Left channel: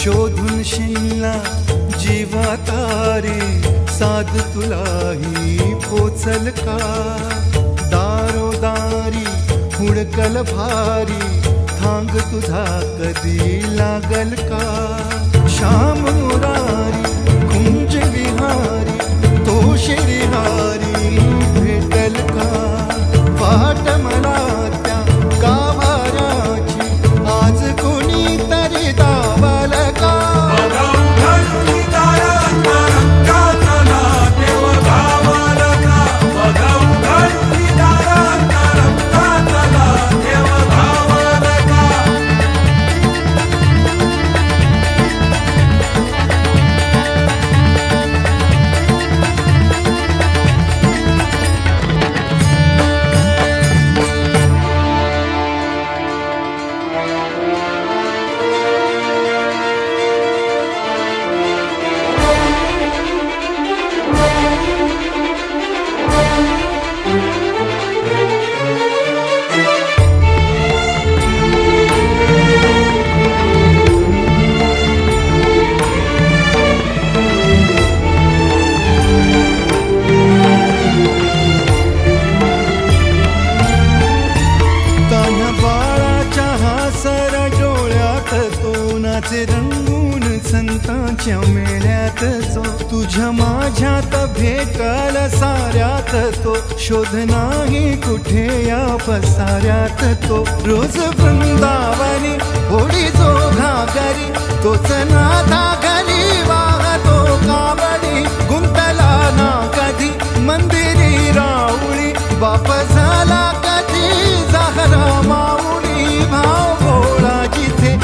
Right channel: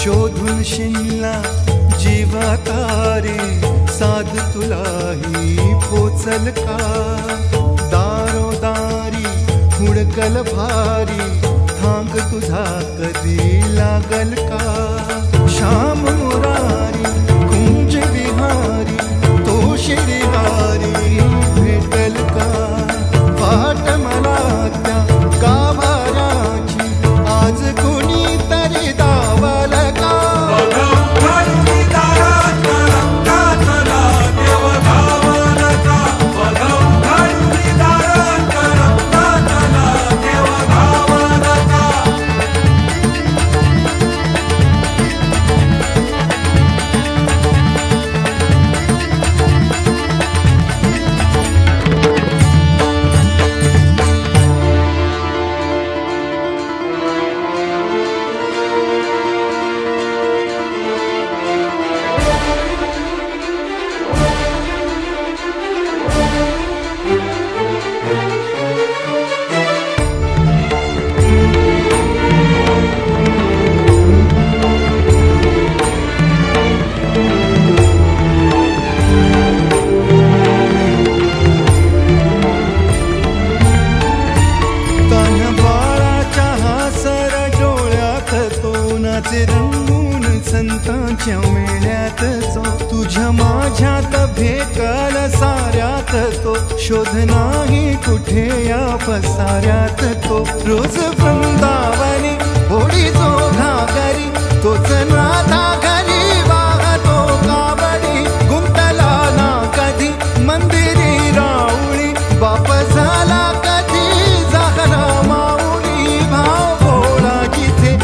शोधून शिनला जीवा तारे, साध तुलाही पोचल का? दारोदारी हुडकल भारी, थांग तुझा कधी लागल का? श्याम मुरारी कुंज विहारी, तो शिरिहारी भेटल का? वाट मला त्या गाभाऱ्याची, आज कोणी तरी दावल का? सर डोळ्यात तो नाचे रंगून संतांच्या मेळ्यात जो, तुझ्या माझ्यात भेटल साऱ्यात तो, शोध नाही कुठे या पसाऱ्यात तो. रोज वृंदावनी होडी जो घागरी, तोच नाथा घरी वाहतो कावडी. गुंतला ना कधी मंदिरी राऊळी, बाप झाला कधी जाहरा माऊली. भाव भोळा जिथे